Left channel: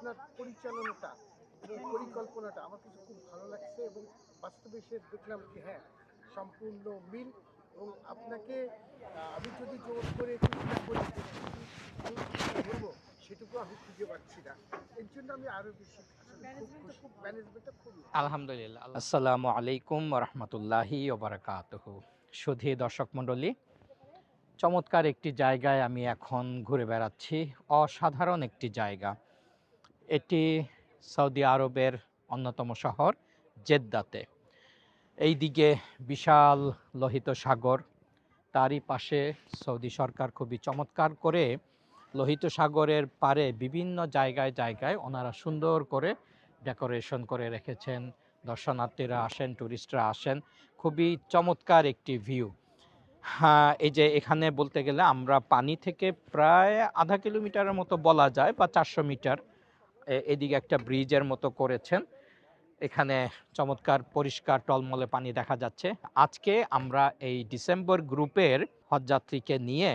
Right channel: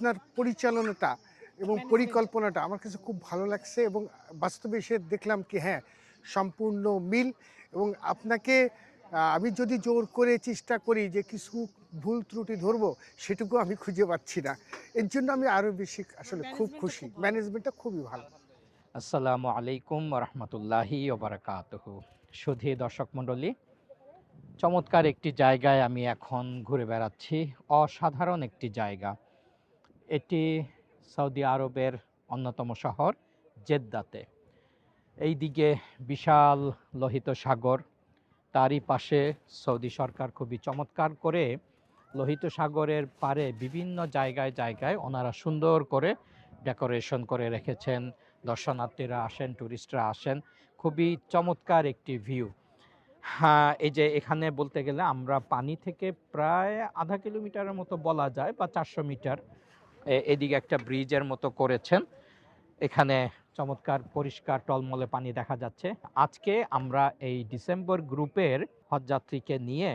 আপনার পরিচালনাটা এবং পরিকল্পনাটা আমার কাছে খুব ভালো লাগছে এবং বাস্তবে এসে দেখলাম কি হ্যাঁ, সম্পূর্ণ মিল। এবং আপনাকে আমি যদি জোর করে চেষ্টা করি যে কিছু ভুল ত্রুটি ধরবো, সেটুকু আমি খুঁজে পাচ্ছি না। এর জন্য আমি আরও বেশি আসলে খুব খুশি। ম্যানেজমেন্টটা খুবই ভালো। আলহামদুলিল্লাহ। আসসালামু আলাইকুম ওয়া রাহমাতুল্লাহি ওয়া বারাকাতুহু। সুধী দর্শক মণ্ডলী, চমৎকার একটি জায়গায় আমি এখন ঘুরে বেড়াচ্ছি। অসাধারণ একটি জায়গা। এটি সৌদি আরবের অন্যতম শহর জেদ্দাতে। এইদিকে বিশাল লোহিত সাগর, তারই পাশে সৌদি সরকার খুবই চমৎকার করে লোহিত সাগরের পাড়ে বিভিন্ন জায়গায় জায়গায় ওনারা সুন্দর করে ডেকোরেশন করে রেখেছেন। দর্শনার্থীরা আসেন, টুরিস্টরা আসেন, খুবই চমৎকার একটি ভিউ। হ্যাঁ, এই যে এখানে বলতে গেলে আমরা পানি থেকে প্রায় আধা কিলোমিটারের মতো বলা যায় বা 400 মিটার এদিকে একটা ব্রিজের মতো করেছেন। এখানে চমৎকার পরিষ্কার টলমলে পানি দেখা যাচ্ছে। আজকে আমরা এই ডিসেম্বর গ্রুপের হজযাত্রীকে নিয়ে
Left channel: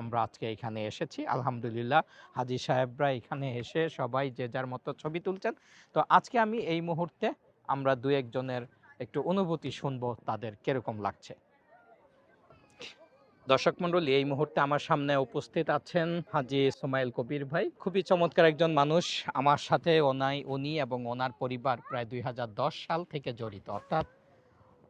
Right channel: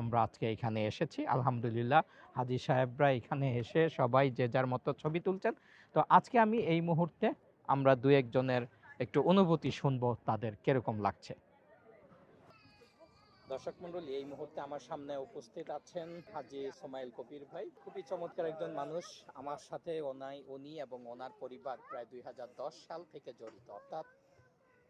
আমরা আজকে এখানে এসেছি। আলহামদুলিল্লাহ, হাজী সাহেবরা এখানে এসে সবাই যে যার মতো ছবি তুলছেন। তো আজকে আমি এই মুহূর্তে আমরা দু একজনের একটু অনুভূতি শুনবো, তাদের কিরকম লাগছে। দর্শক মণ্ডলী, এই মুহূর্তে আমার সামনে উপস্থিত আছেন হাজী সোমাইল কবির ভাই। খুবই চমৎকার একজন মানুষ। আমার সাথে উনি এবং ওনার পরিবার প্রায় 2010 সাল থেকে জড়িত, অর্থাৎ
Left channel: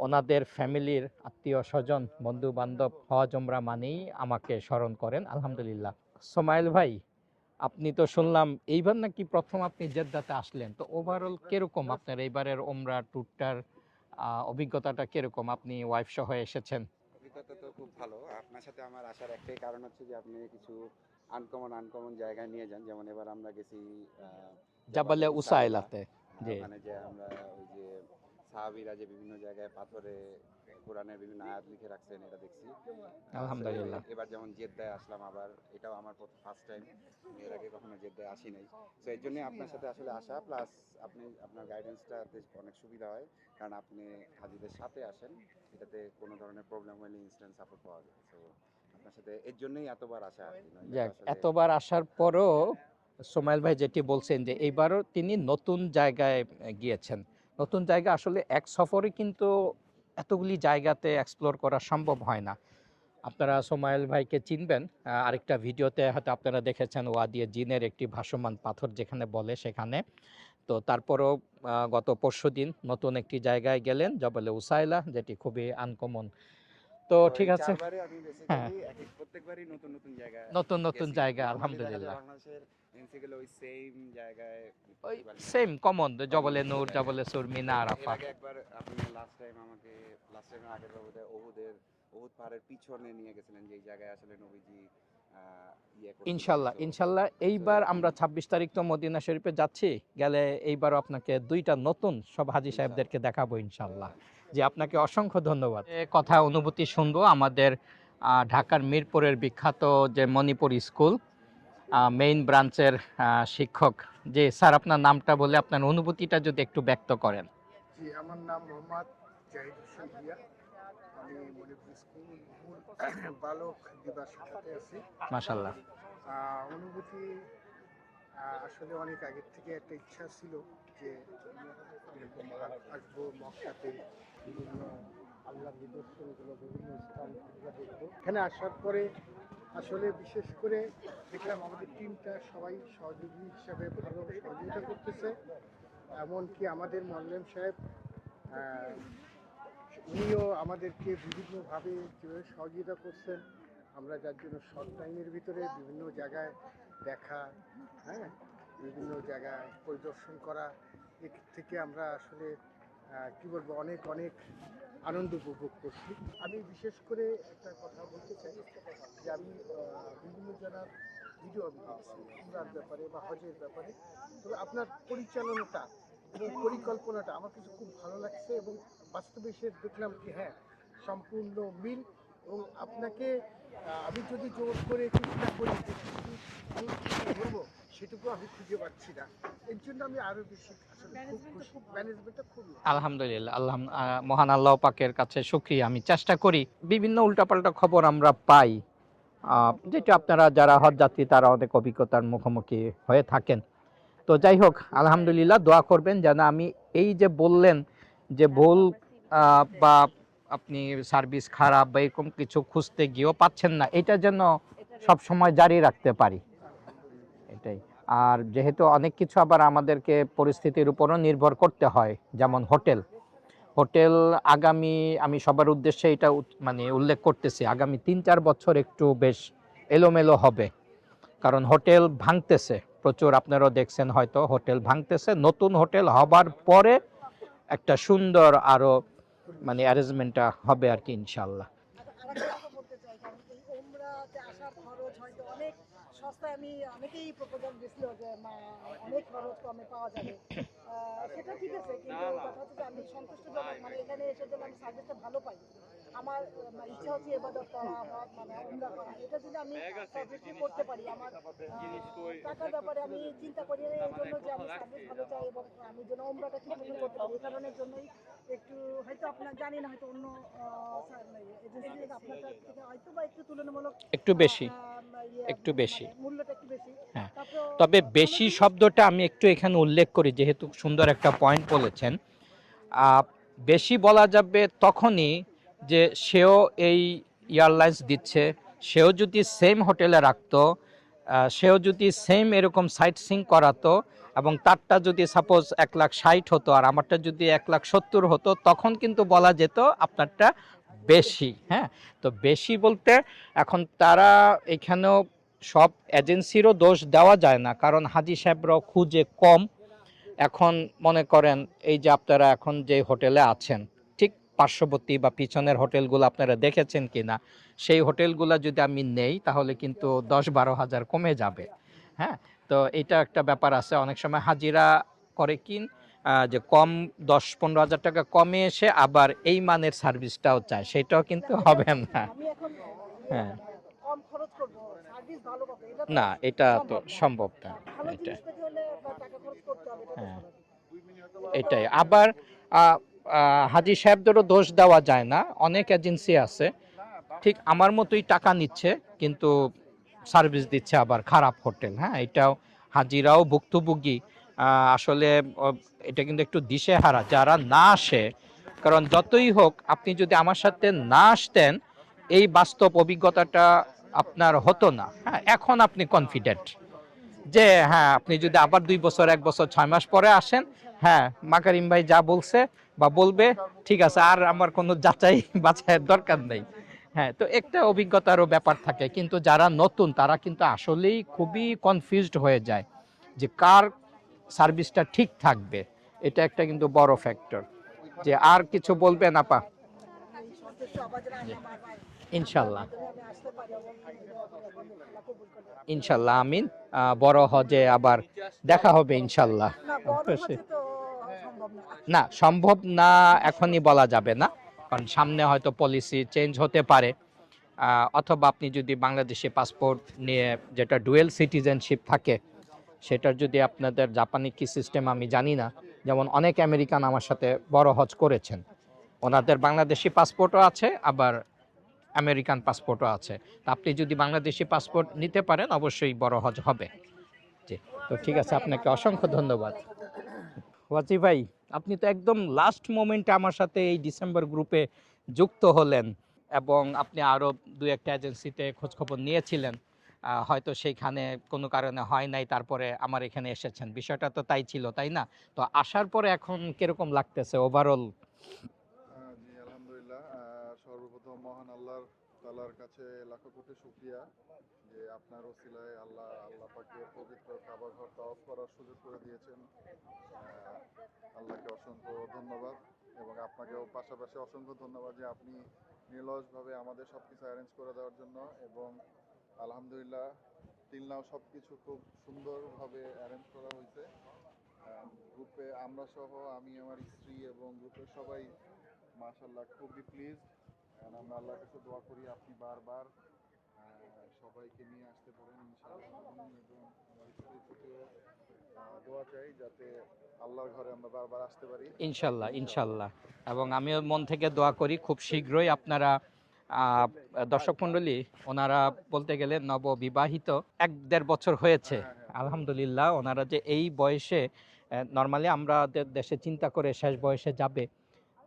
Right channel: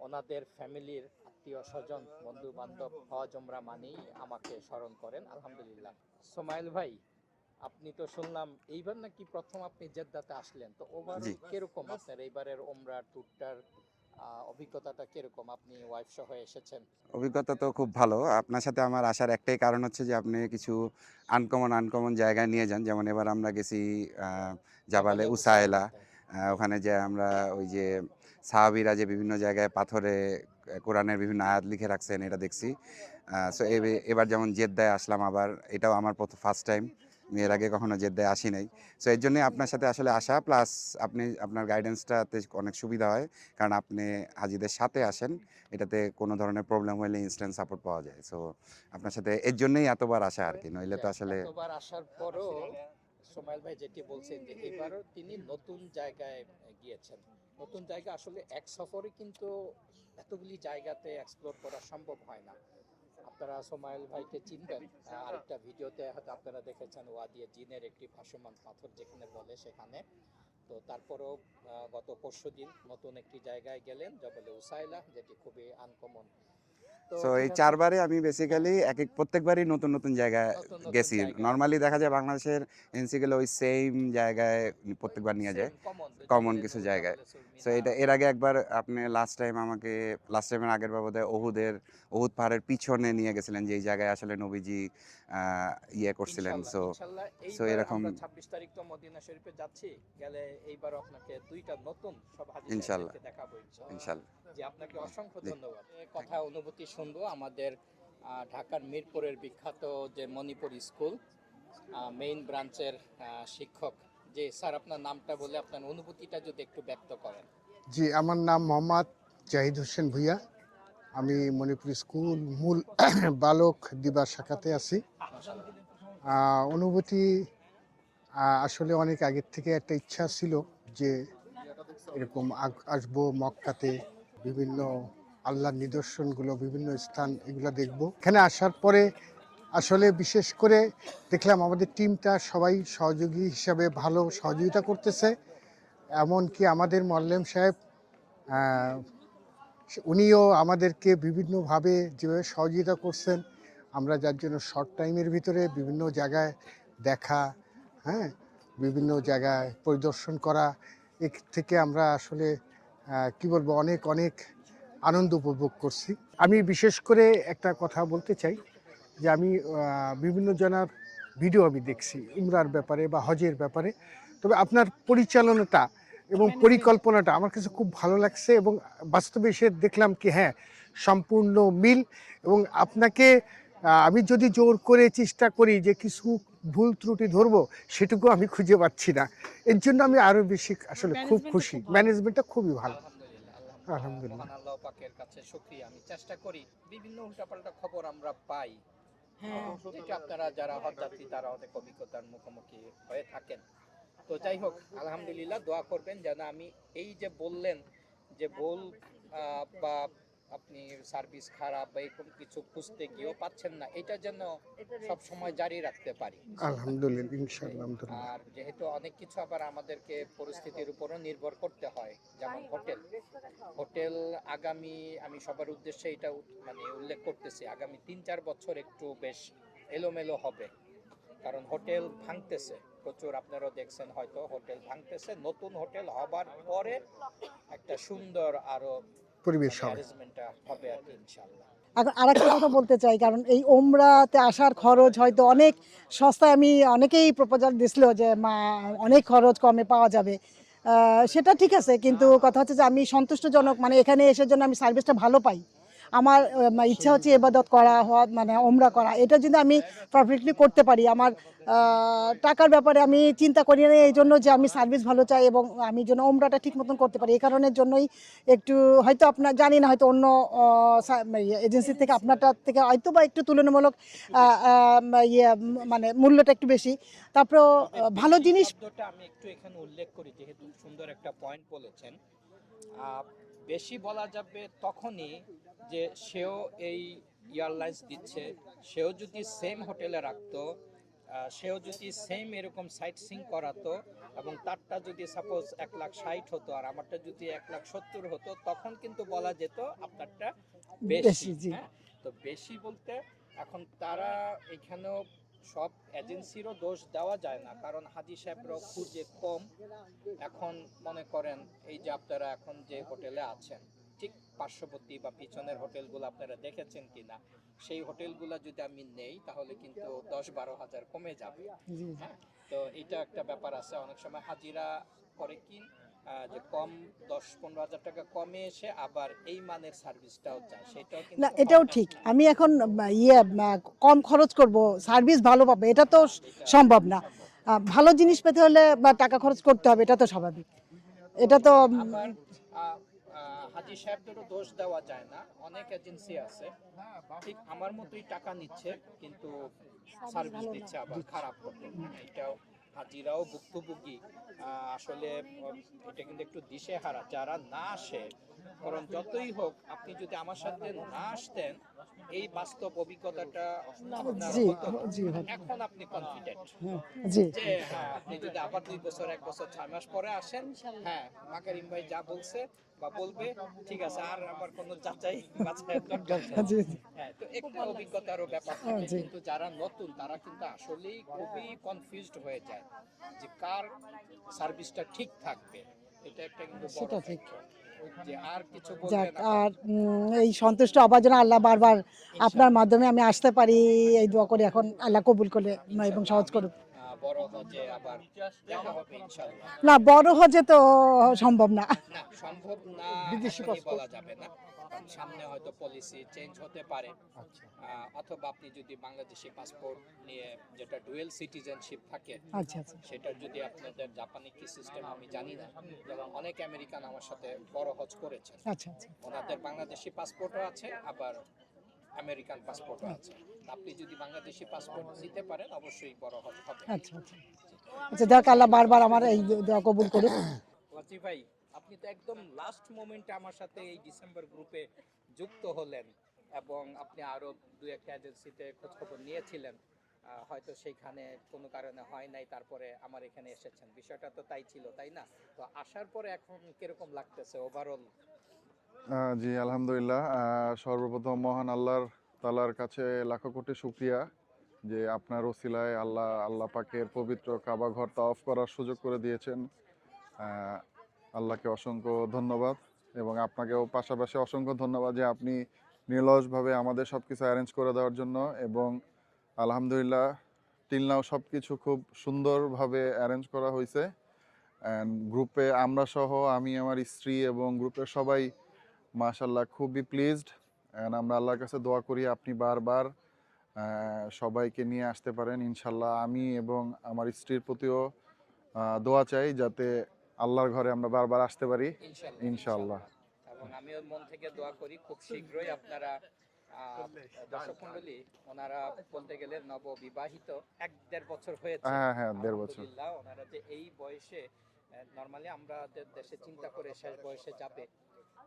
ওনাদের ফ্যামিলির আত্মীয় স্বজন বন্ধু বান্ধব হজ উমরা মানেই আমাকে স্মরণ করেন। আলহামদুলিল্লাহ। সোমাইল ভাই, আপনি তো শুনলাম এইবার নাকি প্রথম আপনি জেদ্দাতে আসলেন, তো ওভারঅল কিরকম আপনার এইবারের ওমরা ট্যুরটার অভিজ্ঞতাটা কিরকম? আপনি ওয়াইফ সহ এসেছেন। অভিজ্ঞতা তো খুব ভালো। আপনার সাথে আমার আসার একটাই কারণ হচ্ছে যে আপনি কিছু আনকমন জায়গায় নিয়ে যান। যেমন এবার আমরা গেছি আ জাবালে জাবালে উসায়লা। উসাইলাতে। জি। ওখানে যেয়ে আমরা ওই যে সাহাবীরা যে বিভিন্ন জায়গায় পাথরে কোরআনের বিভিন্ন আয়াত লিখে রাখছেন এটা দেখছি। সো আলহামদুলিল্লাহ। এবার যেমন জেদ্দায় আসলাম আবার, এটাও আমার ফার্স্ট টাইম। আমি এর আগে কখনো জেদ্দায় আসি নাই। সো এর জন্যই আপনার সাথে আসলে আসা, প্লাস আপনার গাইডেন্সটাতে অনেক সুবিধা হয়। কারণ আপনি হাজিদের সাথে আসেন। এটাতে কোনো ধরনের প্রবলেম হলে ইনস্ট্যান্ট সাপোর্ট পাওয়া যায়। সো আপনার সাথে এর জন্যই এতবার আসা আরকি। নইলে তো যাক, আসলে এতবার আসার পরও সোমাইল ভাই যেটি বলছেন যে এইবারও তিনি নতুন জায়গায় গিয়েছেন। নতুন জায়গা আসলে এক সফরে কিন্তু এতগুলি জায়গাতে এক্সপ্লোর করা সম্ভব হয় না। আপনারা সোমাইল ভাইকে চিনবেন, আরেকটা ভিডিওতে হয়তো আপনারা দেখেছেন, ওয়াদিয়ে জিনের একটি ভাসমান পাথর যেখানে বলে সেখানে। তো তারপরও গত পরশুদিন নতুন একটি জায়গায় গেলেন, জবলে উসাইলা, যেটি খুবই আনকমন। তো সো এই ঠিক আছে। ৪ বারে আমি হ্যাঁ, বেসিক্যালি প্রত্যেকবারই নতুন জায়গায় নতুন নতুন গেছি। জায়গা, নরমালি দেখা যায় আলহামদুলিল্লাহ। বাংলাদেশের এনসি গেলে ওই সেইম জায়গায় ওই প্রত্যেকবার নিয়ে সেম যায়। কমন, কমন জবলে কিছু নূর, জায়গায়। জবলে সুর, সো মিনা, এর আরাফাত। আগে একবার আপনি লাস্ট টাইমের আগের বার বোধহয় উহুদ পাহাড়ের পিছনে নিয়ে গেছিলেন, যেই জায়গায় আসলে নবীজি আ ইয়ে করছিলেন। ইনশাল্লাহ, সো ইনশাল্লাহ সো এইবার এরকম আমরা ২৬ তারিখ তো মদিনা শরীফে যাচ্ছি। গেলে এইবারও আপনাকে ২ টা নতুন সব হাজী ইনশাআল্লাহ, সাহেবদেরকে দেখাবো ইনশাল্লাহ। ইনশাআল্লাহ। জি, আপনাকে অসংখ্য ধন্যবাদ। কথা অনুভূতি শুনবো আমাদের ঢাকার মিরপুরের বিখ্যাত যে মণিপুর স্কুল মেইন ব্রাঞ্চের শিক্ষক। জি স্যার, আপনার নামটা বলে আপনার অনুভূতিটা যদি একটু ব্যক্ত করেন। জি, আমার নাম মোহাম্মদ জাহিদ হোসেন ভূঁইয়া। আমি মণিপুর স্কুল মূল বালক দিবা শাখাতে আছি। মাশাল্লাহ। অনুভূতি আসলে অনেক আগের থেকে একটা ইচ্ছা ছিল যে এরকম আসবো মক্কাতে, বিভিন্ন আল্লাহর নিদর্শনগুলো, বিভিন্ন স্থান এগুলো দেখব। এখানে আসার পরে আসলে বিশেষ করে দেখলাম আমাদের টিমটা সবাই সহযোগী হিসাবে ভালো সহযোগিতা করতেছে। এমনকি আমাদের মোয়াল্লেম সাহেব আহ, উনিও আমাদেরকে বিভিন্নভাবে যেভাবে সহযোগিতা করছেন, আমরা যার জন্য শর্ট টাইমের ভিতরে বিভিন্ন জায়গায় দেখা, হ্যাঁ, বিভিন্ন জায়গায় পরিদর্শন করা, এর থেকে আমরা আসলে কি বলবো, অনেক অনেক আনন্দ উপভোগ করছি। আমি বিশেষ করে একটা কথা বলতে চাই যে আমি বিভিন্ন জনার ভিডিও আমি দেখছি উমরার ব্যাপারে বা হজের ব্যাপারে। তবে আপনার পরিচালনাটা এবং পরিকল্পনাটা আমার কাছে খুব ভালো লাগছে এবং বাস্তবে এসে দেখলাম কি হ্যাঁ, সম্পূর্ণ মিল। এবং আপনাকে আমি যদি জোর করে চেষ্টা করি যে কিছু ভুল ত্রুটি ধরবো, সেটুকু আমি খুঁজে পাচ্ছি না। এর জন্য আমি আরও বেশি আসলে খুব খুশি। ম্যানেজমেন্টটা খুবই ভালো। আলহামদুলিল্লাহ, আলহামদুলিল্লাহ। মহান আল্লাহ পাকের কাছে শুকরিয়া। আমি চেষ্টা করি, বিভিন্ন উল্টাপাল্টা খবর আমরা পাই, যেটা আপনারা যারা হজযাত্রী তারা অনেক অভিজ্ঞতার মুখোমুখি হয়ে থাকেন। তো যাই হোক, আলহামদুলিল্লাহ, দোয়া করবেন যেন আমি এই যে বললেন যে ভুল বা আপনি সার্ভিস খারাপ বা এরকম কিছু খুঁজতে গিয়েও পাচ্ছেন না, এটা যেন সব সময় জারি রাখতে পারি। আলহামদুলিল্লাহ, এটাই। ইনশাআল্লাহ, আলহামদুলিল্লাহ। আর যেহেতু অনেক কিছু আবার আমাদেরকে পরিস্থিতির উপরও নির্ভর করতে হয়, যেমন হোটেল হোটেল আগামী, আমি সবার উদ্দেশ্যে এটা মানে উল্লেখ করতেছি, আগামী 3-4 বছর একটু বেশ এলোমেলো হবে, কারণ হোটেল ভাঙতেছে প্রচুর। আপনারাও দেখছেন হয়তো, হোটেল ভাঙতেছে। নতুন হোটেল হবার পরে একটা সুন্দর আরো পরিবেশ মানে হবে। অ্যারেঞ্জমেন্টটা হবে আর কি, ইনশাল্লাহ। এখন আরেকটা কথা বলতে চাই, কারণ এই ওমরাতে আসার খরচ হয়তো অনেক সস্তায়, আমি অনেকেই প্রপোজাল দিছিল যে অনেক খরচ কমে পাওয়া যাবে, সেটা ঠিক আছে, কিন্তু কথা হচ্ছে যে আমি সন্তুষ্টজনক, মানে এখানে এসে জন্য আমি সার্ভিসটা ভালো পাই, আমার ইচ্ছা হচ্ছে ইবাদত করা হওয়া, মানে ওমরা করা, এটা যদি আমি পারফেক্টলি করতে পারি, আমার টাকার ব্যাপারে আমি চিন্তা করি না, এই জন্য যে আমি সার্ভিস ভালো চাই এবং আমি যেন ওমরাটা ঠিক মতন করতে পারি, এই কারণের জন্যই একটু, হয়তো আপনার জানি না, হয়তো অন্য এজেন্সি থেকে আপনারটা থেকে হয়তো বা একটু তুলনামূলক একটু বেশি, ইয়ে একটু বেশি। মানে মূল্যটা একটু বেশি, হ্যাঁ। তারপর তবে ভালো বেশি জিনিস। শব্দটা আমি একটু এখানে উল্লেখ করি, যেহেতু সুন্দর একটা পয়েন্ট বলেছেন। আহ, বেশি বলা যাবে তখনই যে সেও এই এয়ারলাইন্স দিচ্ছে, সেও যদি সেম হোটেলে রাখতো, সেও যদি সেম এরকম সাইট সিং করাতো, এবং তারটা যদি সাপোজ 1,60,000 হতো আর আমারটা যদি 1,70,000 হতো, তখন কিন্তু বলা যেত আপনারটা বেশি। জি। হ্যাঁ, তো বেশি বলতে এখন তারা এখানেও সব এজেন্সিরও দোষ দেওয়া যায় না, কারণ হাজি সাহেবরাও খুঁজে কম। এখন মনে করেন এই যে আপনারা এখন যে হোটেলে আছেন, ঠিক পার্শ্ববর্তী বা পিছনের হোটেলগুলো আপনারা দেখেছেন কিনা, সেই হোটেলগুলো যদি আমি নেই তাহলে কিন্তু 10-12 হাজার কমে যাবে। হ্যাঁ, তো এটা একটা ব্যাপার আছে। অনেক সময় হাজিরা করে কি যে কম 10-15 হাজার টাকা কমে এসে আবার এই মানের সার্ভিসটাও চায়, সেটাও না, কিন্তু এটাও হবে ঠিক, না। আমি এখন হ্যাঁ। কম খরচ করব, সার্ভিস ভালো পাবে, এটা তো না, এটা সম্ভব না। সম্ভব না। ভালো এটাই। জিনিস পেতে হলে বা টাকা খরচ করতে হবে, এটা তো হ্যাঁ। স্বাভাবিক, এটা তো এটাই আবার আহ, হাজি সাহেবদেরও দোষ দেওয়া যায় না। অনেক এজেন্সি আছে ঠিক আমার মতোই টাকা নিচ্ছে কিন্তু সার্ভিস দিচ্ছে আবার খারাপ হোটেল। হ্যাঁ, এটাও হাজিরাও ভুক্তভোগী। আসলে আহ, এটা কিন্তু একটু দিশেহারা যারা না আসে, কারণ যতই হোক আপনি যদি আমার সাথে না আসতেন এই বাস্তব অভিজ্ঞতাটা আপনার জি হতো না। জি হ্যাঁ, এখন আপনি কনফিডেন্ট জি যে হ্যাঁ, আপনি যদি আবার 2 বছর, 1 বছর, 6 মাস পরে আসেন, হ্যাঁ, মাকারিম ভাই যা বলছে বা বলবে, ঠিক আছে, আর আমার কোনো যাচাই বাছাইয়ের দরকার নেই। জি হ্যাঁ, তো একটা অভিজ্ঞতারও ব্যাপার থাকে, জি। কিন্তু যারা নতুন তারা কিন্তু আসলেই খুবই কনফিউজড হয়ে যায় যে কার সার্ভিসটা ঠিক থাকবে। এটা একটা কিন্তু বড় সেটা ঠিক। ফ্যাক্টর। যে আর কিছু যাক, বলবেন আপা? আর এই সন্তুষ্ট হবার জন্য আল্লাহ বারবার আপনার ইনশাল্লাহ, মাধ্যমে আমি আসতে পারি, এই দোয়া করি, এখন আল্লাহ কবুল করে এবং ইনশাল্লাহ, সহজ আমিন। করুক। বড় হজে আবার দেখা হবে ইনশাল্লাহ। না, বড় হজে তো সম্ভব না, না, সম্ভব না, নিজস্ব এখনই কষ্ট। বলা যাবে না, কারণ সামনে হয়তো পলিসি চেঞ্জ হতে পারে। অথবা আপনি যদি বাংলাদেশি পাসপোর্ট নিয়ে, যেটা ডুয়েল সিটিজেনশিপ থাকে, আচ্ছা আচ্ছা সেটার যদি আপনাদের জাপানি কি সিস্টেম আমি জানি না, যেমন অনেক আমেরিকান আমার সাথে বড় হজ করেছেন, আচ্ছা আচ্ছা ওনাদের বাংলাদেশি পাসপোর্টও আছে আবার আমেরিকান পাসপোর্টও আছে। তা আপনি যদি বাংলাদেশি পাসপোর্ট নিতে পারেন অবশ্যই বড় হজ হবে। আচ্ছা আচ্ছা জি, তো আচ্ছা, ঠিক যাক, আছে, আল্লাহ আপনাকে বারবার আমার অসংখ্য এই ধন্যবাদ। দোয়া কবুল করুক। ওয়াজি ভাই, আপনি তো একদম লাস্ট মোমেন্টে আমার সাথে এই ডিসেম্বর গ্রুপে যুক্ত হলেন, এবং আপনি আরও 2-1টা এজেন্সিতে খোঁজখবর নিয়েছিলেন, হয়তো সেইখানে কোনো কারণে হয় নাই, তারপরে আমার এখানে এসেছেন, বিষয়টা তো তাই ছিল, তাই না? তো আসার পরে এখন কিরকম লাগতেছে ওভারঅল? জি, আলহামদুলিল্লাহ। সর্বপ্রথম মহান আল্লাহর তাআলার কাছে লাখো কোটি শুকরিয়া যে আপনার ওসিলায় আল্লাহ পাকের পবিত্র কাবা ঘর তাওয়াফ করার সুযোগ করে দিয়েছেন। আহ, আল্লাহকে অসংখ্য ধন্যবাদ, এবং আপনাকেও পাশাপাশি অসংখ্য ধন্যবাদ যে আপনি নিরলসভাবে আমাদের সব কিছু অ্যারেঞ্জ করে দেওয়ার জন্য। এবং আলহামদুলিল্লাহ টিল নাও সব কিছু খুব সুন্দরভাবে অ্যারেঞ্জ করা হয়েছে। অ্যান্ড গ্রুপে আমরা সহ, আমি, আমার স্ত্রী এবং গ্রুপের সবাই মাশাল্লাহ খুবই প্লিজড। অ্যান্ড আমরা আল্লাহর কাছে দোয়া করি আপনি বারবার সবাইকে নিয়ে আসতে পারেন ইনশাল্লাহ। আমি এবং আমার স্ত্রীর প্রতিও দোয়া চাই যাতে আল্লাহর ঘরে আমরা বারবার আসতে পারি ইনশাল্লাহ, ইনশাল্লাহ। ইনশাল্লাহ। এবং আমিও মন থেকে দোয়া করি খুব শীঘ্রই আপনারা দর্শক মণ্ডলী, ওনারা বলতে গেলে নববিবাহিত, 1-1.5 বছর হয়েছে। হ্যাঁ, হ্যাঁ, 1.5 বছর। আলহামদুলিল্লাহ, ওনারা যে এই বয়সে, নর্মালি আমাদের দেশে চিন্তা করে শেষ বয়সে যাবে,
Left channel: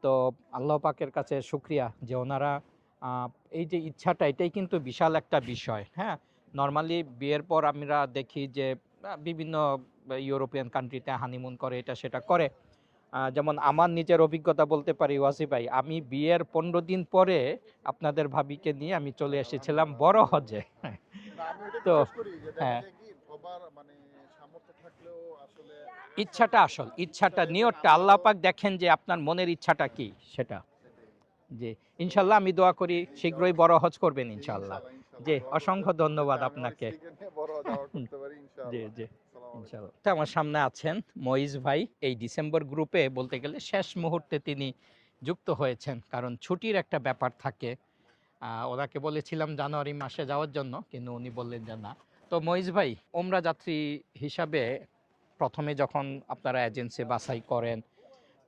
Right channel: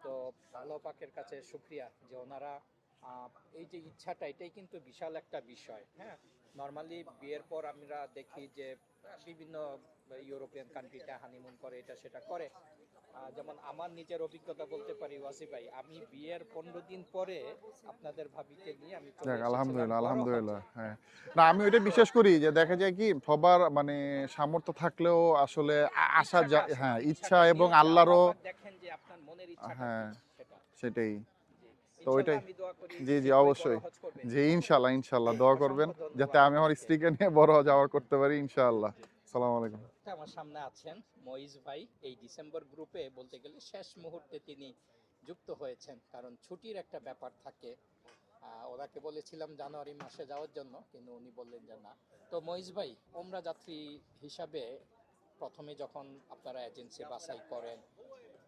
তো আল্লাহ পাকের কাছে শুক্রিয়া যে ওনারা আহ, এই যে ইচ্ছাটা, এটাই কিন্তু বিশাল একটা বিষয়। হ্যাঁ, নর্মালি বিয়ের পর আমরা দেখি যে বিভিন্ন ইউরোপিয়ান কান্ট্রিতে হানিমুন করে, এটা সেটা করে। যেমন আমার নিজের অভিজ্ঞতা বলতে পারি ওয়াসি ভাই, আমি বিয়ের 15 দিন পরে আপনাদের ভাবিকে নিয়ে আমি চলে যাক, এসেছিলাম আলহামদুলিল্লাহ, বড় আলহামদুলিল্লাহ, হজে। হ্যাঁ। না, আমি ওইটা তো বিশ্বাস করি যে দেখা হ্যাঁ, যায় কি সবার মানে সামর্থ্য থাকলেও আসলে আসার ইচ্ছাটা আসল, হ্যাঁ, ইচ্ছা ইচ্ছাটা, এবং নিয়তটা আল্লাহ আল্লাহরও পাক দেখেন যে আপনার মনের ইচ্ছাটা হ্যাঁ, কি সেটা। সেটাই। জি, তো ইনশাল্লাহ ওইটাই, আমি দোয়া করি জি, জি, শীঘ্রই বড় অবশ্যই। হজ করবেন জি, ইনশাল্লাহ। ইনশাআল্লাহ, ইনশাআল্লাহ জি, দোয়া করবেন অসংখ্য যাতে ধন্যবাদ আমি আমার আপনাকে। স্ত্রীকে নিয়ে বড় যাওয়ার করতে পারি জি, ইনশাআল্লাহ। জি, আসসালামু আলাইকুম। ইনশাআল্লাহ। তো আমার সামনে আছেন মঈজ ভাই। এই ডিসেম্বর গ্রুপে বলতে গেলে শেষ মুহূর্তে তিনি যুক্ত হয়েছেন, কারণ ছুটির একটা ব্যাপার থাকে। ওনাকে বলেছিলাম জানুয়ারি মাসে যাওয়ার জন্য, কিন্তু উনি বললেন যে না। তো মঈজ ভাই, ওমরা যাত্রী হিসাবে প্রথমে যখন আপনারা এজেন্সি বাছাই করেন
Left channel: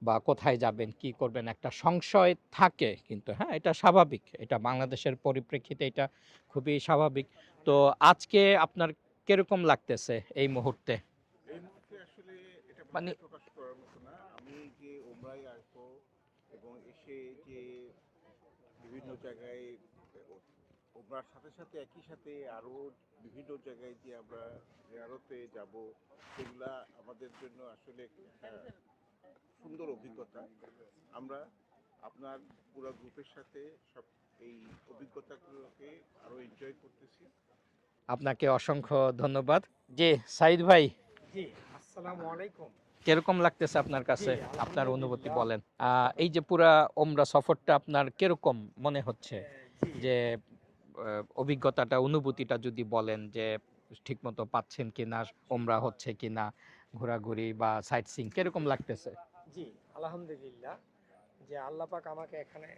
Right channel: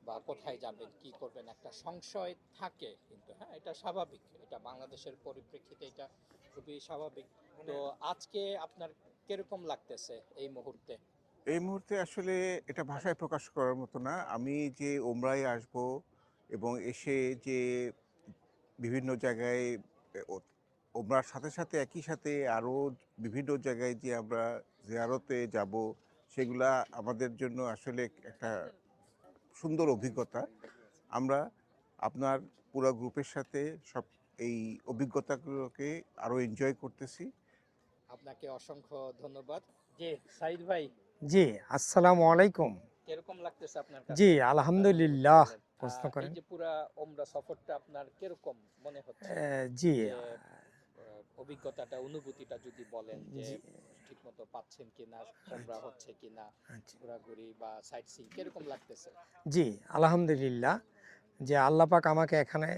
বা কোথায় যাবেন কি করবেন, একটা সংশয় থাকে, কিন্তু হ্যাঁ, এটা স্বাভাবিক, এটা বাংলাদেশের পরিপ্রেক্ষিতে এটা খুবই স্বাভাবিক। তো আজকে আপনার কিরকম লাগতেছে এই মুহূর্তে? এই মুহূর্তে আসলে এটা মানে ভাষায় প্রকাশ করার মতো না। আমি যে ওমরায় আসব এবং এসে যে বিভিন্ন জায়গায় ওমরার সাথে সাথে একই সাথে আরও বিভিন্ন জায়গায় যে আমরা জিয়ারতে যাব, সেগুলা আমাদের জন্য আসলে একটা সুন্দর অভিজ্ঞতা। আমরা আপনার পুরো গ্রুপের সাথে সব এই অভিজ্ঞতাগুলোকে আরও এনজয় করতেছি। আপনাকে অসংখ্য ধন্যবাদ। জি, সাইদ ভাই, জি, আসসালামু আলাইকুম। কিরকম লাগতেছে আপনার জি, কাছে? আপনার অনুভূতি আলহামদুলিল্লাহ। বলেন। প্রশ্ন এই করেন। যে পুরা ওমরা সফরটা আপনার কিরকম মনে হচ্ছে? জি, যে অভিজ্ঞতাটা, অনুভূতিটা যদি বলেন যে জি, ঠিকমতো পাচ্ছেন কিনা, ওমরা হচ্ছে কিনা, আচ্ছা। ঘোরাঘুরি বা সাইট সিইং কিরকম লাগতেছে? জি, আলহামদুলিল্লাহ যে আল্লাহ পাক আমাকে এখানে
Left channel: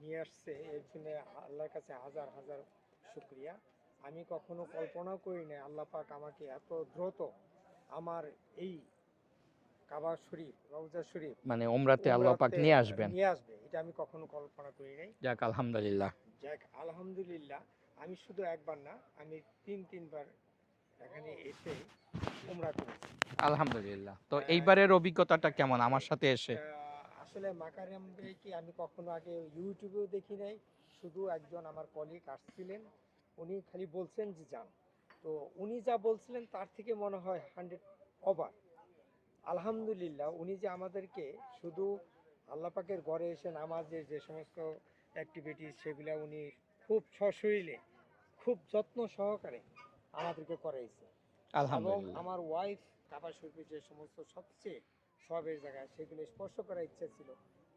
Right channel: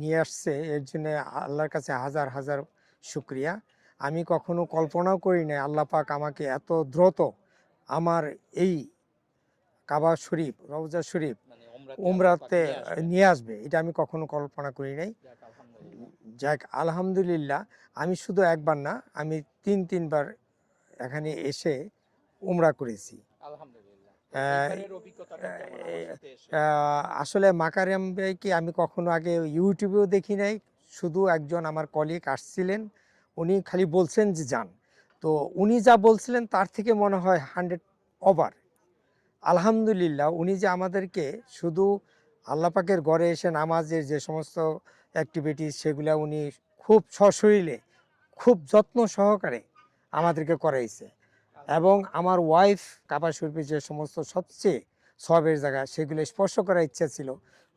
নিয়ে আসছে, এর জন্য আল্লাহর কাছে হাজার হাজার শুকরিয়া। আমি কখনো কল্পনাও করি নাই আল্লাহ পাক আমাকে এত দ্রুত আমার এই কাবা শরীফ, রওজা শরীফ মানে ওমরাতে আল্লাহ পাক উমরাতে নিয়ে আসবেন। নিয়ে আসবে। এটা আমি কখনো কল্পনা করি নাই। যাক আলহামদুলিল্লাহ। যাক আলহামদুলিল্লাহ, আমি শুধু একবার না, আমি ৩ বার এখানে এসে উমরা করেছি। আলহামদুলিল্লাহ। তো আহ, এইবারের অভিজ্ঞতাটা কেমন আমার সাথে এসে? আসলে মাকারিয়াম ভাইকে আমি কখনো আগে ইউটিউবেও দেখি নাই। শুধু একজন আমার কলিগ আসছিলেন, উনি খালি বলছেন যে যান। তো উনি যা বলছিলেন তার থেকে মনে হয় 100 ওভার। আলহামদুলিল্লাহ, উনি যে আমাদেরকে শুধু আল্লাহ পাকের ঘরে এসে নামাজের যে সমস্ত অ্যাক্টিভিটিস সেগুলা উনি খুব সশরীরে, খুব যত্ন সহকারে আমাদেরকে করাইছে। এবং আলহামদুলিল্লাহ। আমার ওয়াইফ কাবা শরীফে যে সমস্ত সবচেয়ে সবের জায়গা সেগুলো স্পর্শ করার ইচ্ছা ছিল,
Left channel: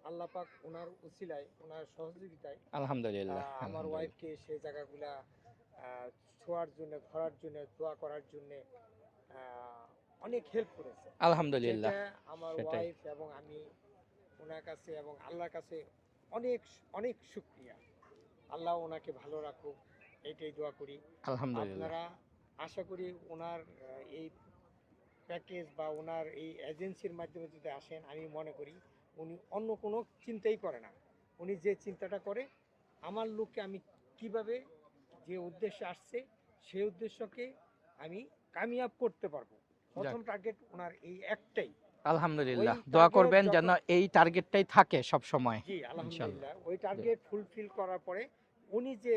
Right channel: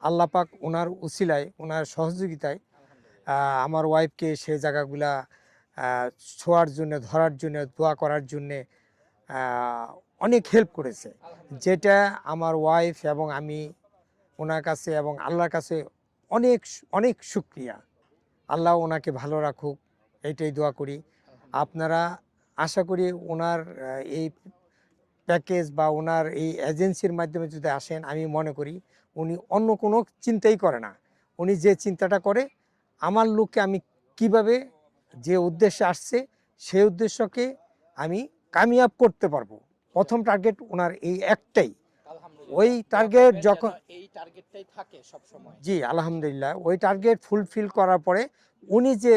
আল্লাহ পাক ওনার উসিলায়, ওনার সহযোগিতায় আলহামদুলিল্লাহ। আমার ওয়াইফকে সে জায়গাগুলা ছোঁয়ার জন্য, ধরার জন্য, দোয়া করার জন্যে অনেক হেল্প করেছে। আলহামদুলিল্লাহ। যেটা আমার সেটাই। ওয়াইফ এবং আমি ওনার কাছে এবং আল্লাহর কাছে অনেক অনেক শুক্রিয়া। আল্লাহ ওনাকে ভালো রাখুক, এইটাই দোয়া করি। আলহামদুলিল্লাহ। আপনারা আশা করি ওনার এই প্যাকেজ বা ওনার এই এজেন্সির মাধ্যমে যদি আসেন, আমি মনে করি উনি অন্য কোনো চিন্তাই করে না। উনি যে চিন্তাটা করে, আমার লোককে আমি কিভাবে, যে উদ্দেশ্যে আসছে সেই উদ্দেশ্যকে আমি কামিয়াব করতে পারবো। প্রথম টার্গেট ওনার এই একটাই। আলহামদুলিল্লাহ। ওই দোয়া টার্গেট করবেন যেন যখন, এই টার্গেটটাই থাকে সব সময়। জি ইনশাআল্লাহ। আলহামদুলিল্লাহ, ওই টার্গেট ফুলফিল করার পরে উনি যে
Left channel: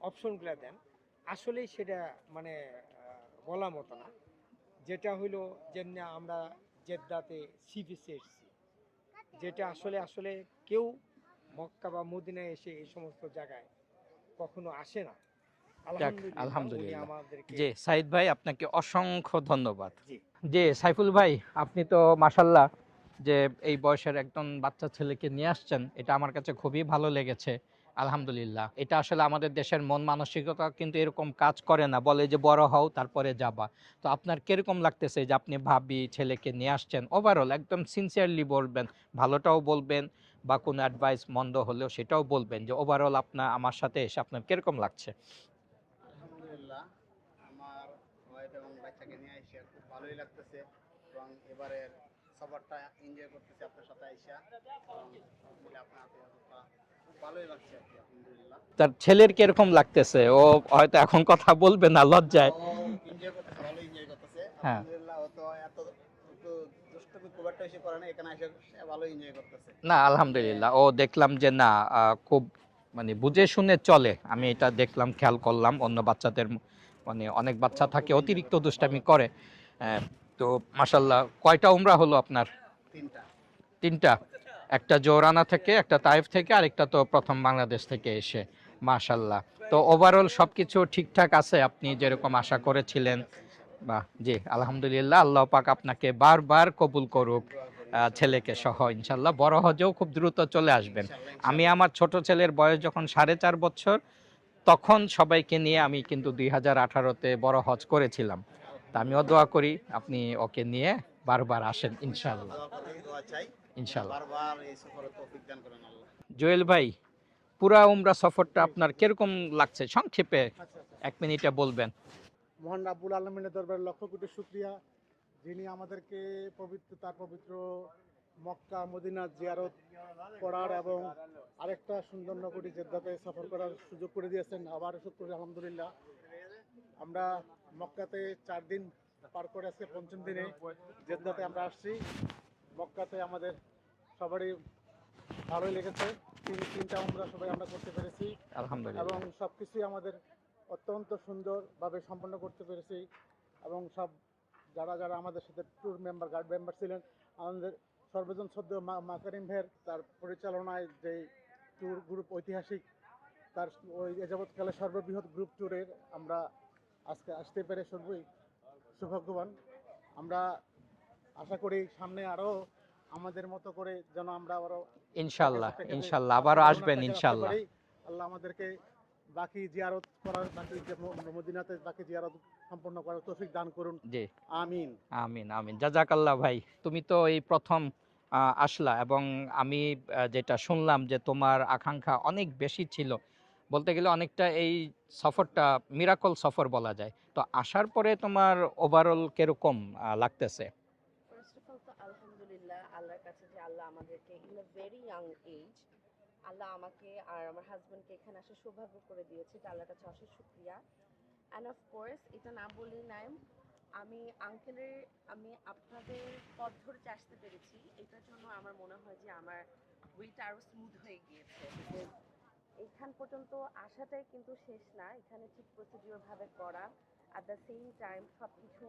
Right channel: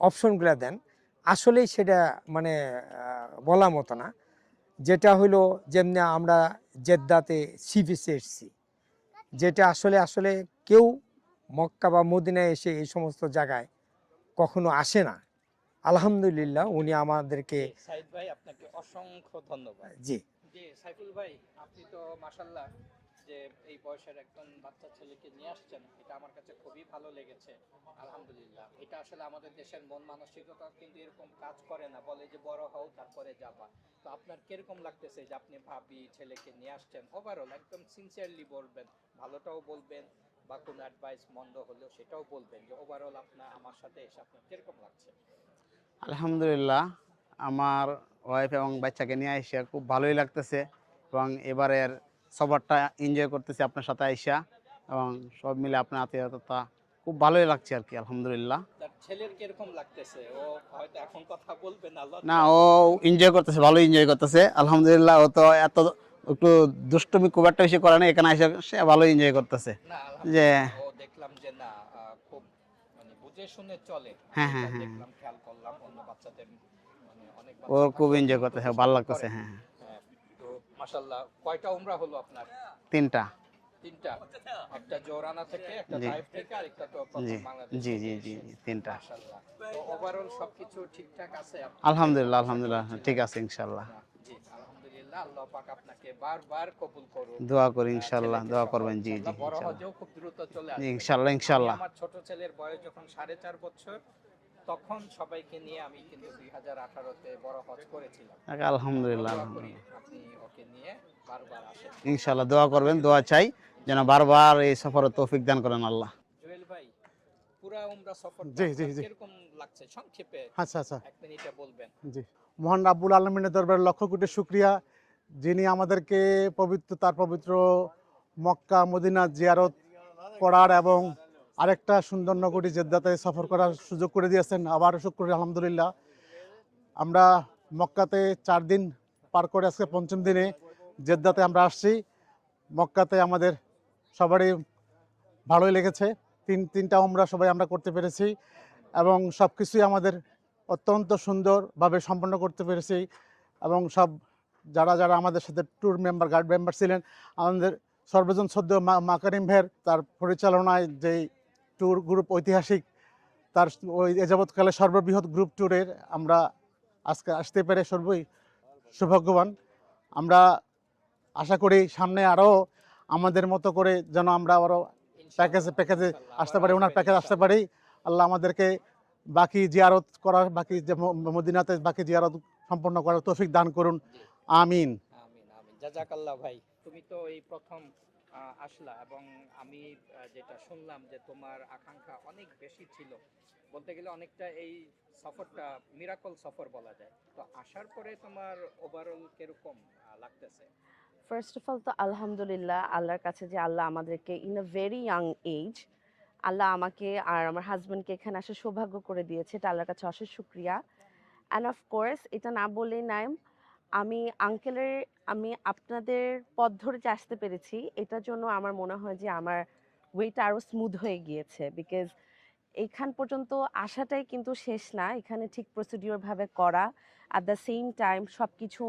অপশনগুলো দেন আসলেই সেটা মানে বলার মতো না। যেটা হলো যেমনি আমরা জেদ্দাতে সি বিচে এসেছি, যেটা আসলে আসলে কেউ মক্কা বা মদিনায় এসে এই সমস্ত জায়গায় কখনো আসে না। যাক আলহামদুলিল্লাহ, উনি আলহামদুলিল্লাহ। আমাদেরকে, জি, সাইদ ভাই আপনাকে অসংখ্য ধন্যবাদ। জি জি, সাইফুল ভাই, আপনি তো মাশাল্লাহ যে এই বয়সের একজন বাচ্চা ছেলেকে নিয়ে আসছেন, এটা আমার কাছে খুবই ভালো লেগেছে। আলহামদুলিল্লাহ। এটা আসলে আমাদের দেশের মন মানসিকতা কিন্তু এরকম কাজ করে না। বলে যে বড় হও তারপরে যাবা। তো আপনার কিরকম লাগতেছে যে আপনি ভাবি ছেলেকে নিয়ে আসছেন? ওভারঅল একদম সিনসিয়ারলি বলবেন, ভালোটাও বলবেন বা কোনো অ্যাডভাইস মন্দ হলেও সেটাও বলবেন, যে ওভারঅল আপনার আমার সাথে এসে আপনার কিরকম লাগছে? আলহামদুলিল্লাহ, আমার ওয়াইফ এবং বাচ্চাকে নিয়ে এসে খুব ভালোই লাগতেছে এবং এবারের সফরটা এনজয় করতেছি আপনার সাথে আইসা, এবং সব মিলে আপনার আত্মীয়তা খুব ভালোই লাগছে আর কি, আলহামদুলিল্লাহ। তার ছেলের কিরকম লাগতেছে? ও হয়তো এখন কথা বলবে না না, লজ্জায়। ও এনজয় করতেছে, ভালো এনজয় করতেছে আলহামদুলিল্লাহ। ও তো এত একটু দুষ্টুমি খুব একটা বেশি করে না, এখানে এসে সে ভালো এনজয় করতেছে। না যে আলহামদুলিল্লাহ, ও দেখলাম যে না খুব মানে বুঝে শুনে চলে। আমি হ্যাঁ, এটা হ্যাঁ, হ্যাঁ, দেখলাম, খেয়াল করলাম অন্য বাচ্চাদের মানে অনেক ও বাচ্চা খুব থাকে এনজয় অতিরিক্ত করতেছে, ভালো দুষ্টামি লাগতেছে। করে। হ্যাঁ, হ্যাঁ। হ্যাঁ, তো মাশাআল্লাহ কয়টা উমরা হলো আপনার? 3টা। 3টা, একটা জোরানা থেকে, একটা জি, তাইফ থেকে, আর একটা তো প্রথম জি, বাংলাদেশ জি, থেকে জি, জি, এসে। জি, 3টা। মাশাআল্লাহ। তো ওভারঅল সবকিছু ঠিকঠাক আছে আপনি যেরকম আলহামদুলিল্লাহ, আশা আলহামদুলিল্লাহ করেছিলেন? ঠিক আছে ইনশাআল্লাহ। বাহ! জি, আলহামদুলিল্লাহ। আল্লাহ পাক আপনাকে বারবার কবুল করুক। দোয়া করি ইনশাআল্লাহ, ছেলেকে দোয়া সহ করবেন। জি, ইনশাআল্লাহ। জি, বড় ইনশাআল্লাহ। হজেও খুব দ্রুত চলে আসবেন। ইনশাআল্লাহ, আমি ইনশাআল্লাহ। আমার ছোট ছেলের বয়স যখন 4.5 বছর, তখন সবাইকে নিয়ে আমি কিন্তু 2018 তে বড় হজ করেছিলাম। তা আমিও আলহামদুলিল্লাহ, দোয়া করি আলহামদুলিল্লাহ। আপনি ওকে নিয়ে বারবার আসেন ইনশাআল্লাহ ইনশাআল্লাহ। দোয়া করবেন, দোয়া চাই যেন ইনশাআল্লাহ। বারবার এই সফরে তৌফিক দান করেন আল্লাহ। জুয়েল ভাই, পুরা উমরা সফরটা জি জি আপনার জি কিরকম লাগছে সংক্ষেপে আচ্ছা আচ্ছা 1 মিনিটে বলবেন? জি মহান রাব্বুল আলমিনের দরবারে লক্ষ কোটি শুক্রিয়া, যিনি আমাদেরকে তার পবিত্র মক্কা মদিনা জিয়ারত করার এবং আরেকটা সুন্দর নগরী জেদ্দাতে সফর করার সুযোগ করে দিয়েছেন। আবারও শুক্র আলহামদুলিল্লাহ। আমরা মক্কাতে 4 দিন পার করে আজকে 5ম দিনে জেদ্দাতে আমরা আসছি। মক্কাতে আমাদের সবারই ভালোই লেগেছে। তিনটা উমরা সবাই আমরা করতে পেরেছি আলহামদুলিল্লাহ। এবং সব কিছুই আমাদের অত্যন্ত সুন্দরভাবে সম্পন্ন করতে পেরেছি এবং যারা যারা আমাদের সাথে ট্যুর মেম্বার গাইড মেম্বার ছিলেন, আমাদের সর্বজন সদ্য মাকারিম ভাইয়ের তার পরিচালনায় যেই ট্যুর গ্রুপ ঐতিহাসিক, তার ওই এ যাবৎকালে সর্ববৃহৎ গ্রুপ ট্যুরের আমরা আজকে আসতে পেরে সর্বই সৌভাগ্যবান। আমরা আশা করি সামনে আরও আমাদের মতো করে যেন আমরা আরও ইনশাআল্লাহ, প্যাকেজে ইনশাআল্লাহ আসতে আবারও পারি, ওনার আসবেন প্যাকেজ আসতে ইনশাআল্লাহ। পারি। আল্লাহ আমাদেরকে বাকি জিয়ারত করার, বাকি যে মদিনাতে বাকি জিয়ারত সম্পন্ন করার তৌফিক দান করুন। জি, আমিন। আমিন, আমিন। জাযাকাল্লাহ ভাই। তুমি তো এই ১ম আসলা এবং আমি যেটা শুনলাম যে তোমার আকাঙ্ক্ষা অনেক বেশি ছিল। বলতে গেলে অনেকটা এই সফরটা মিরাকল সফর বলা যায়। তো আসার পরে তোমার ওভারঅল কিরকম লাগতেছে? ফার্স্ট অফ অল তো আলহামদুলিল্লাহ আল্লাহর কাছে যে আল্লাহ আমাদেরকে in a very young age আল্লাহ আমাকে আর আমার হাজব্যান্ডকে এখানে আসার সৌভাগ্য করে দিয়েছে, এটা আল্লাহর কাছে অশেষ শুক্রিয়া। অ্যান্ড অফ কোর্স এটা না বললেই নাই, আমি আপনাদের পথ ধরে যে আসতে পেরেছি এটার জন্য আমার মনে হয় যে আমার ওয়েটা আরও স্মুথ হয়ে গিয়েছে, বিকজ এইখান পর্যন্ত আসাটাই কিন্তু শেষ না, এখানে ঠিক প্রসিডিওরভাবে করা, অ্যাট দ্য সেম টাইম সব কিছু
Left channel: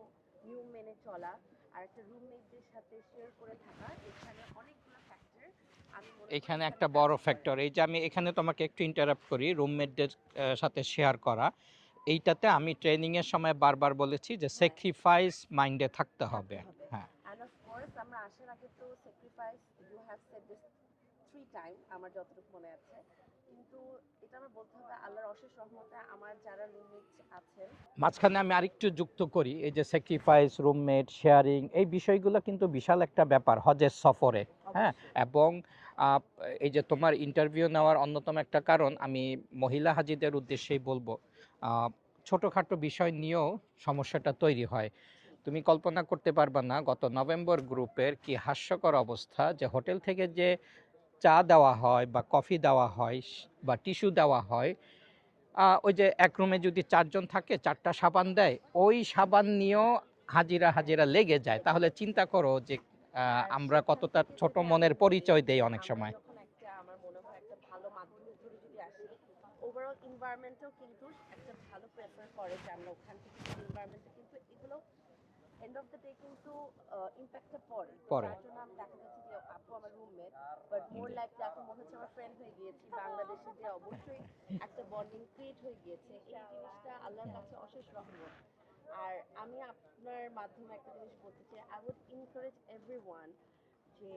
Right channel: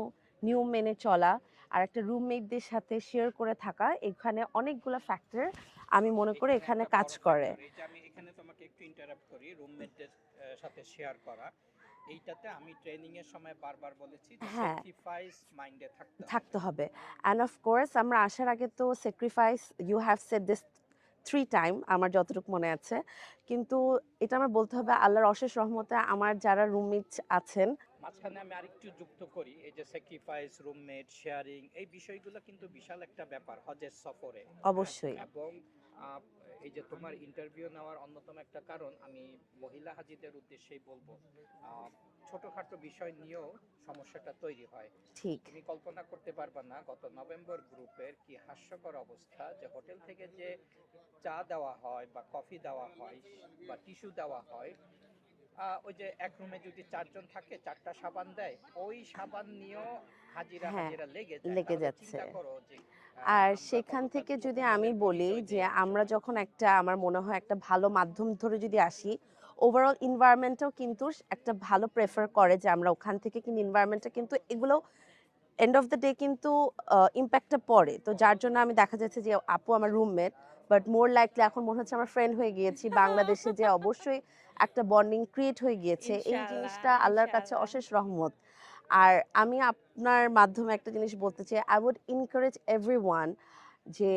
নিয়ম মেনে চলা, আর একটা রুমমেটদের সাথে শেয়ার করে থাকা, এখানে অনেকগুলো ফ্যাক্টর আমি মনে করি এখানে এখানে একটা কাজ বড় করে। ফ্যাক্টর, এই যে আমি এখানে তোমাকে একটু ইন্টারাপ্ট করি, রুমমেটদের সাথে শেয়ার করা। এইটাতে আমি ট্রেনিং এর সময় বারবার বলেছি যে হ্যাঁ, স্যাক্রিফাইস মাইন্ডে থাকতে হবে। থাকতে হবে। হ্যাঁ, অ্যান্ড অফ কোর্স আমরা আসার আগে তো sacrifice, you have said this 3 time আমার যতটুকু মনে আছে, কিন্তু এটা আমার বলতে হবে আল্লাহর অশেষ রহমতে আমার যারা রুমমেট আছেন। মাঝখানে আমি আরেকটু যুক্ত করি, এই যে স্যাক্রিফাইস, রুমমেট, শেয়ারিং, এই বিষয়গুলো কিন্তু বিশাল একটা ব্যাপার হজের সফরে। হ্যাঁ, অবশ্যই। এবং আহ, এই যে তোমার ইন্টারভিউ নেওয়ার অন্যতম একটা কারণ, আমি মহিলা হাজিদের উদ্দেশ্যেই বলবো, আহ, ছোটখাটো বিষয় নিয়েও সমস্যাটা তৈরি হয়। ঠিক। তুমি কল্পনা করতে পারবা না গত নভেম্বর গ্রুপের কি হাস্যকর অবস্থা, যে হোটেল থেকে যে চা দেওয়া হয় বা কফি দেওয়া হয় বা টিস্যু দেওয়া হয়, ওই যে এক রুমে যদি 4 জন থাকে 4টা সাবান দেয়, ওই সাবান নিয়েও হাজিরা হ্যাঁ, হাজিরা লেগে যায়। লেগে তাহলে যাচ্ছে। চিন্তা করো যে আর আমরা সেখান কতটা থেকে ছোট যদি আমি মনের বলি পরিচয় যে দেই অনেক আমরা সময়। যখন একটা, আমার মনে হয় একটা ভালো মাধ্যম ধরে যদি আসি, ওভারঅল এনভায়রনমেন্টও কিন্তু একটা ভালো প্রেফার করে যে আমরা ওখান থেকে কিন্তু এনভায়রনমেন্টটা কিন্তু এগুলো এন্ড অফ দ্য ডে কিন্তু ইম্প্যাক্টটা পড়ে। তো পরে। যার জন্য আমি দেখা যাচ্ছে যে আপু আমার রুমমেট, বাট মোর লাইকলি এখন মনে হচ্ছে আমার ফ্রেন্ড হয়ে গিয়েছি। বাংলাদেশে যে অবশ্যই একটা বন্ডিং ক্রিয়েট হয়ে গিয়েছে, এই জিনিসটা আল্লাহর কাছে অশেষ রহমত। আর আমি আপনার মাধ্যমে একটা জিনিস বলতে চাই, আই উড এনকারেজ এভরিওয়ান যে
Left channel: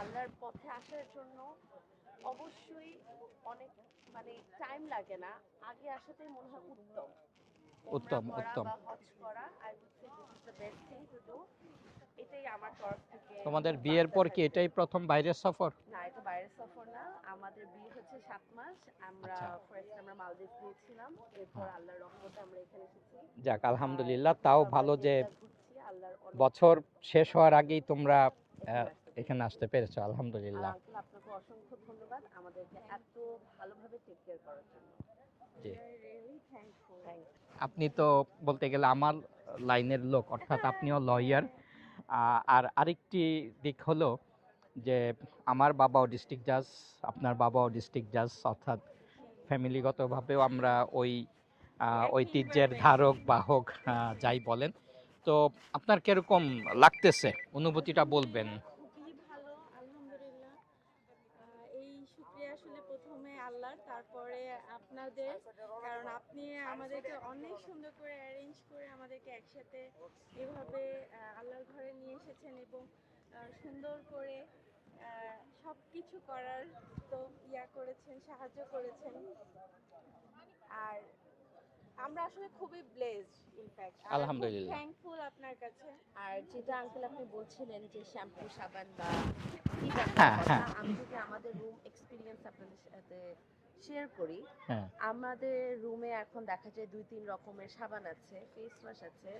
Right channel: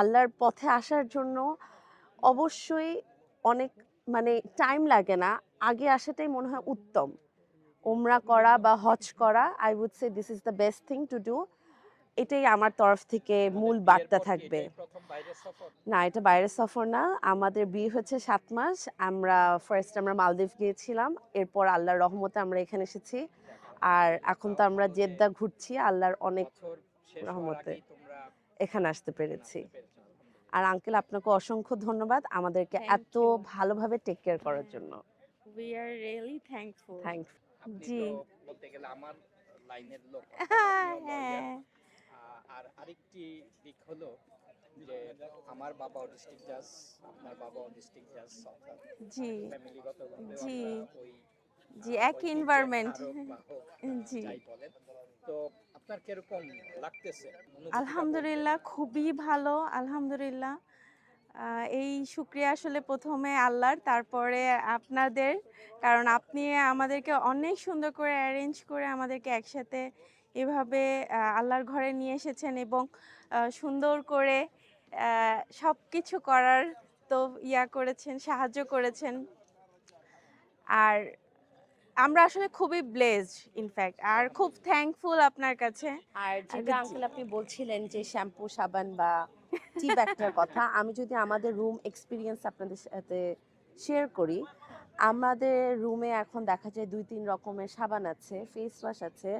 আল্লাহর পথে আসার জন্য অবশ্যই অনেক মানে টাইম লাগে না, আগে আসাটাই মনে হয় উত্তম। উমরা উত্তম, করা উত্তম। বা হজ করা, I would say this is the best thing to do. এটাই আমার তরফ থেকে তোমাদের মূল বিয়ের বার্তা পর কি থাকবে। এটাই প্রথম বাইরের সফর? না, এটা বাইরের সফর না, আমাদের বিয়ে হচ্ছে 7 মাস। আমরা ফার্স্ট আমরা মালদ্বীপ গিয়েছিলাম, এরপর আল্লাহর রহমতে আমরা এখানে এসেছি। যাক আর আলহামদুলিল্লাহ, এখন তাও তো আমরা ভালো যে জেদ্দা ঘুরছি আল্লাহর অনেক বছর শেষ হওয়ার রহমতে। আগেই তোমরা এখানে আসতে এখানে পেরেছি। আসতে পেরেছো, আর আলহামদুলিল্লাহ। আঙ্কেল আপনাকে অসংখ্য ধন্যবাদ আমাদেরকে Thank এত you. ভালোভাবে টেক কেয়ার করার জন্য। We are really thankful. Thank আপনি জি। তো বলতে গেলে আমার লাইনের লোক, অর্থাৎ আপনিও লয়ার। হ্যাঁ, আর আরেকটি দিক হলো যে আমার বাবাও ডিস্ট্রিক্ট জাজ, আপনার বাবাও ডিস্ট্রিক্ট জাজ, অর্থাৎ জি ফ্যামিলিগতভাবেও জি আমরা ওই জি একই ঐতিহ্যের এনভায়রনমেন্ট। ধারক বাহক, জি যাই বলেন। তো আপনার কিরকম লাগতেছে, অনুভূতিটা বলবেন? আলহামদুলিল্লাহ খুবই ভালো, আলহামদুলিল্লাহ। এই শুকরিয়া আসলে প্রথমে আল্লাহর, তারপরে আপনাদের, কারণ আপনি আমাদেরকে অনেক সুন্দর করে অ্যারেঞ্জ করে আমাদেরকে একসাথে এভাবে আল্লাহর ঘরে নিয়ে এসেছেন এবং সুন্দর করে সব কিছু করার তো করেছেন, সাহায্য করেছেন। আর আমরা আসলে খুবই ব্লেসড ইনফ্যাক্ট, আর খুব আলহামদুলিল্লাহ। থ্যাঙ্কফুল আপনার কাছে। আর যেটা জি। আঙ্কেল আপনি বলছিলেন যে শ্যাম্পু সাবান বা টি ব্যাগটার হ্যাঁ, কথা, হ্যাঁ। আমি যদি আমাদের রুম এক্সপিরিয়েন্স আপনাদের সাথে শেয়ার করি, হ্যাঁ। আমাদের রুমে এখন দেখা যায় 2-3 রকমের সাবান আছে, ফেস ওয়াশ আছে,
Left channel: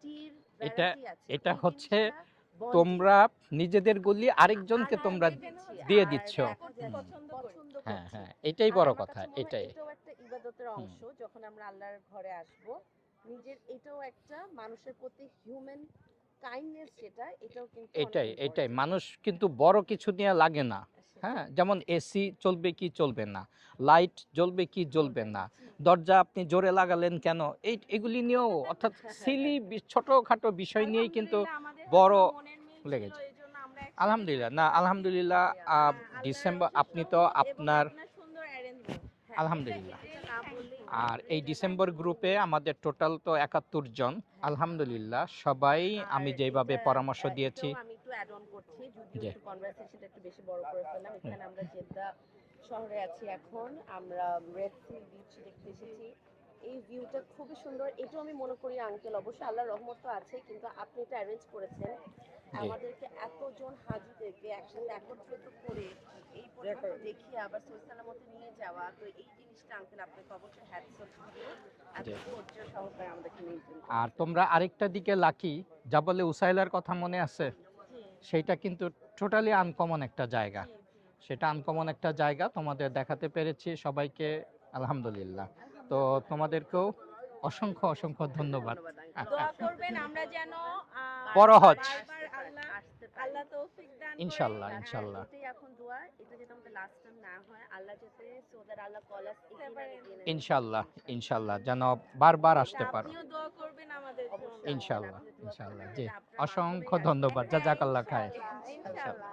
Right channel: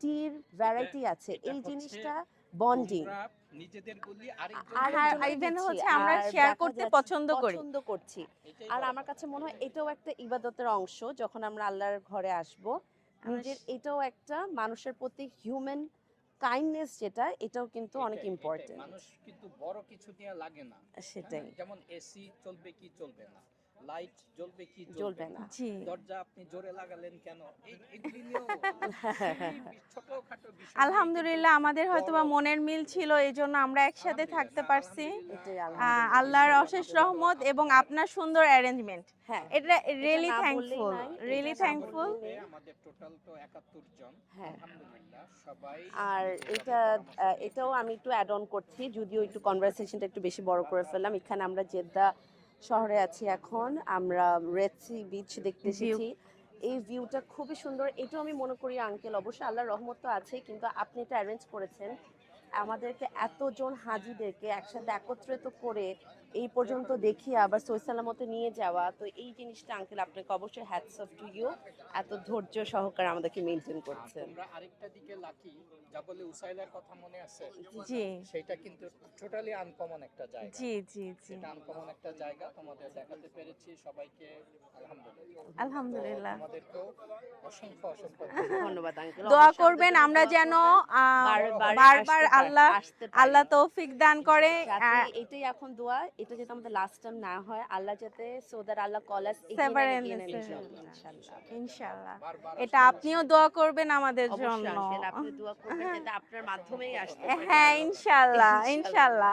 টির ভ্যারাইটি আছে। এটা এই হচ্ছে জিনিসটা বন্ডিং। তোমরা নিজেদের গলি আরেকজনকে আর তোমরা even হচ্ছে দিয়ে আমরা দিচ্ছ। share করতে পছন্দ করি। পছন্দ হ্যাঁ, করছি। হ্যাঁ, এটাই আর বড় আমার কথা, কাছে মনে হয় এটাই। এটাও একটা ইবাদতের অংশ, যখন আমরা আল্লাহর ঘরে আসব নিজের, এটাও একটা মানুষের প্রতি হিউম্যান কাইন্ডনেস, যেটা এটাও কিন্তু অনেক এটাই ইম্পর্টেন্ট। মানুষ কিন্তু বড় কিছু নিয়ে লাগে না। সেটাই। হ্যাঁ, যেমন এসি চলবে কি চলবে না, লাইট জ্বলবে কি জ্বলবে না, জি দরজা আপনি জোরে লাগালেন কেন, এগুলি নিয়েও অর্থাৎ সিলি ছোটখাটো বিষয় নিয়েই কিন্তু আলহামদুলিল্লাহ আমাদের বড় হয়তো মনের মিল লেগেছে। ছিল, এই জন্য আমরা একসাথে আলহামদুলিল্লাহ, থাকতে না পারছি। আলহামদুলিল্লাহ, এটাই আল্লাহর আল্লাহর ডিসেম্বর অশেষ আপনি তো রহমত এবং আপনার আপনার সুন্দর অ্যারেঞ্জমেন্ট। হ্যাঁ, এটা আলহামদুলিল্লাহ। রিয়েলি এটা না থ্যাঙ্কফুল, বললেই নয়। আর এই রিয়েলি ডিসেম্বর থ্যাঙ্কফুল। গ্রুপে আমাদের টোটাল তো 71 জন। হ্যাঁ। আলহামদুলিল্লাহ, সবাই আমি আর যেভাবে পরামর্শ দিয়েছি। এটাও আমি একটু অ্যাড অন করছি, যদিও জি। একটু কনভারসেশনটা একটু বেশি বড় করে ফেললাম। এখানে আমরা জেদ্দা শহরে আছি এখন, আমরা রেড সি বিচ দেখতে View. এসেছি। এই ভিউটা খুবই সুন্দর। এটাও আমি মনে করি আঙ্কেল, অবশ্যই আল্লাহর রহমত তো আছে, কিন্তু আপনি এটা অ্যারেঞ্জ করেছেন আমাদেরকে, এতজন হাজিদেরকে একসাথে একত্রিত করে এই পর্যন্ত দেখিয়ে আবার সহি সালামতে নিয়ে যাওয়া। তো এই জিনিসটা আঙ্কেল আপনাকে অবশ্যই হ্যাটস অফ টু ইউ, এত ধৈর্য সহকারে আমাদেরকে মেনটেন আর করছেন। তোমরা আরেকটা দিকে লাকি, জাবালে উসাইলার কথা মনে আছে? জি সেটা কিন্তু টোটালি আনকমন একটা জায়গা। জি জি সেটা আনকমন একটা জায়গা তোমাদের দেখাতে পেরেছি সবাইকে, আলহামদুলিল্লাহ। তো আলহামদুলিল্লাহ। তোমাদেরকেও অসংখ্য অসংখ্য ধন্যবাদ। ধন্যবাদ আঙ্কেল। দোয়া করবেন আমরা যেন বড় হজ। বারবার আল্লাহ তৌফিক দান করে। ইনশাআল্লাহ, আচ্ছা, ইনশাআল্লাহ। এটাই এখন দোয়া, এটা যাতে আমাদের লাস্ট টাইম না হয়, আল্লাহ যাতে so that Allah call us Sever and ইনশাআল্লাহ, ইনশাআল্লাহ যেন ইনশাআল্লাহ। বারবার এটা আসতে পারো। আপনিও দোয়া করবেন আমাদের জন্য। ইনশাআল্লাহ, আপনি দোয়া করবেন ইনশাআল্লাহ। যাতে জি, আপনার মাধ্যমেই অসংখ্য আসতে ধন্যবাদ। পারে। হ্যাঁ জাযাকাল্লাহ খাইর। ইনশাআল্লাহ ইনশাআল্লাহ।